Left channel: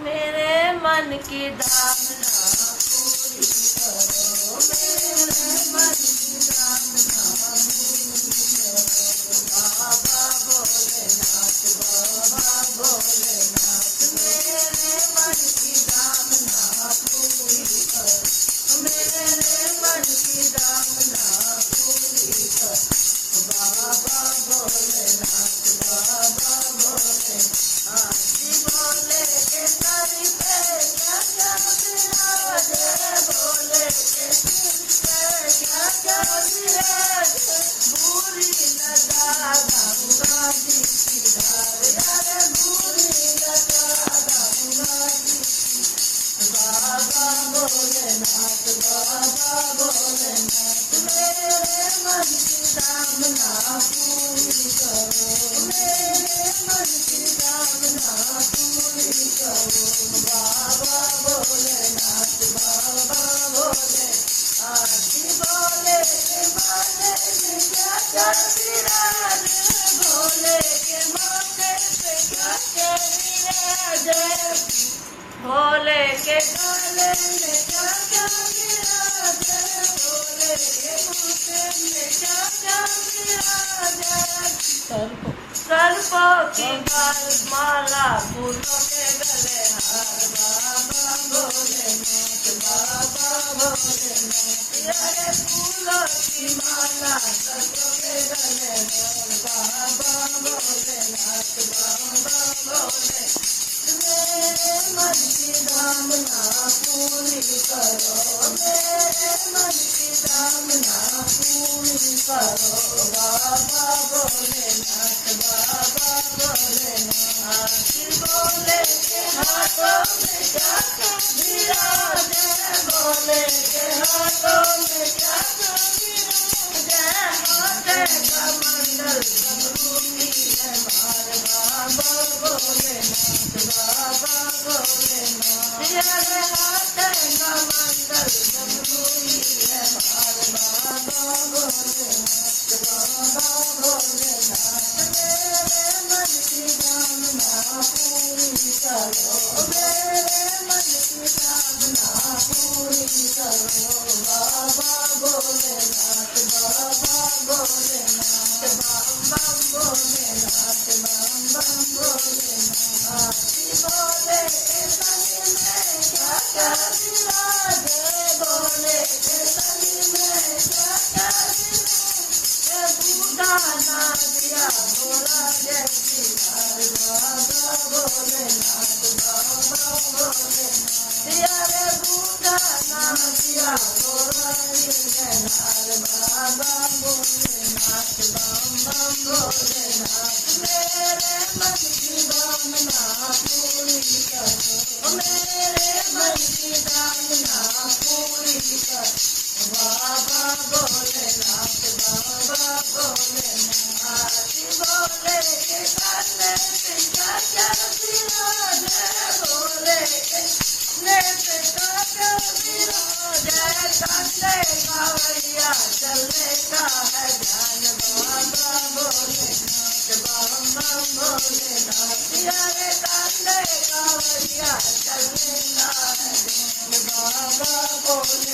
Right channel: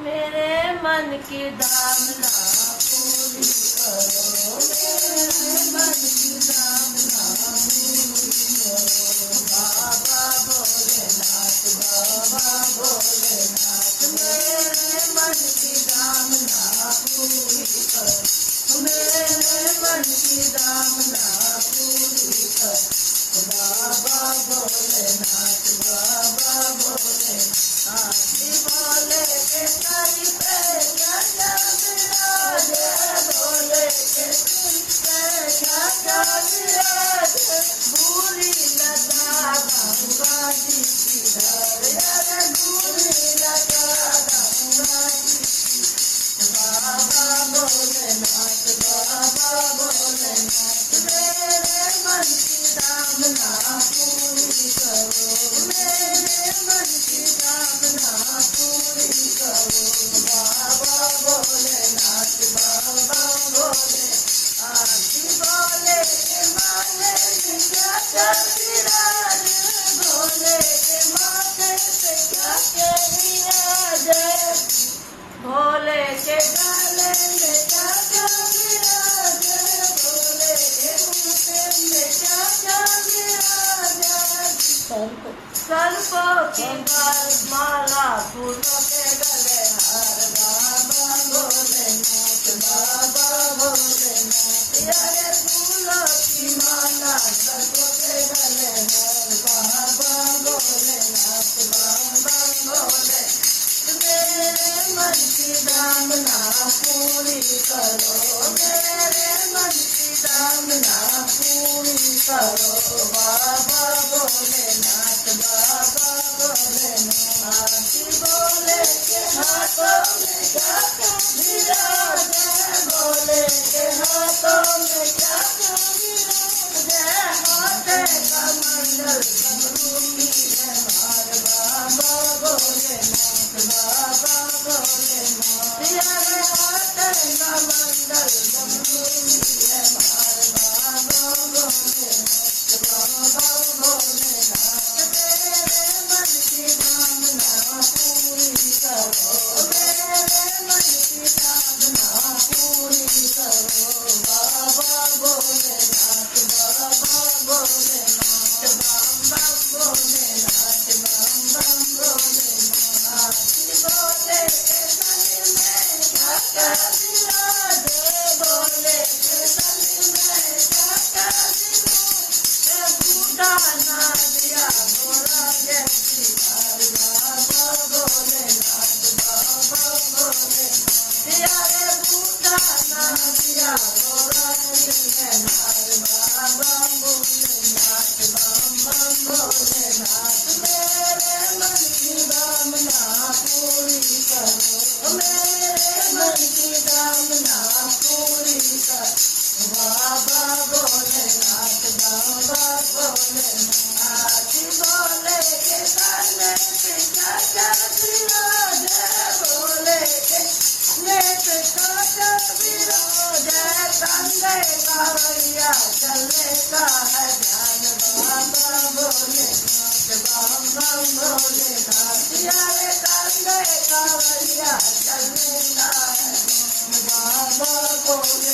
मेरे मन की दामना पूरी करो, मेरे मन की दामना पूरी करो। बाबा भोलेनाथ, बाबा भोलेनाथ, मेरे मन की दामना पूरी करो, मेरे मन की दामना पूरी करो। बाबा भोलेनाथ, बाबा भोलेनाथ, भोले के सर पे क्या विराजे, भोले के सिर पे क्या विराजे, भूरी लगा गंगा जी की धार, अरे भूरी लगा गंगा जी की। बाबा भोलेनाथ, बाबा भोलेनाथ, मेरे मन की कामना पूरी करो, मेरे मन की कामना पूरी करो। बाबा भोलेनाथ, बाबा भोलेनाथ, भोले के माथे से क्या क्या विराजे, भोले के माथे से क्या क्या विराजे, भोले के गले में क्या क्या विराजे, भोले के माथे में क्या क्या विराजे। सर्पों की माला, फूलों के गले हार, बाबा भोलेनाथ, बाबा भोलेनाथ, अरे फूलों की माला, सर्पों के गले हार, बाबा भोलेनाथ, बाबा भोलेनाथ, मेरे मन की कामना पूरी करो, मेरे मन की कामना पूरी करो। बाबा भोलेनाथ, बाबा भोलेनाथ, भोले के हाथों में क्या क्या विराजे, भोले के हाथों में क्या क्या विराजे, हाथे का मंगल समरूपी है मार, बाबा भोलेनाथ, बाबा भोलेनाथ, हाथे का मंगल समरूपी है मार, बाबा भोलेनाथ, बाबा भोलेनाथ, मेरे मन की कामना पूरी करो, मेरे मन की कामना पूरी करो। बाबा भोलेनाथ, बाबा भोलेनाथ, बम बम भोलेनाथ, बम बम भोलेनाथ, भोले के संग में क्या क्या विराजे, भोले के संग में क्या क्या विराजे, बूढ़ा ना दिया भोला जैसी लाल, बाबा भोलेनाथ, बाबा भोलेनाथ, अरे बूढ़ा ना दिया भोला जैसी लाल, बाबा भोलेनाथ, बम बम भोलेनाथ, मेरे मन की कामना पूरी करो, मेरे मन की कामना पूरी करो। बाबा भोलेनाथ, बाबा भोलेनाथ, भोले के काने से क्या क्या विराजे, भोले के नेत्र क्या क्या विराजे, कंधे कांवरिया चलेगा है ध्यान, बाबा भोलेनाथ, बम बम भोलेनाथ, अरे कंधे कांवरिया चलेगा है ध्यान, बाबा भोले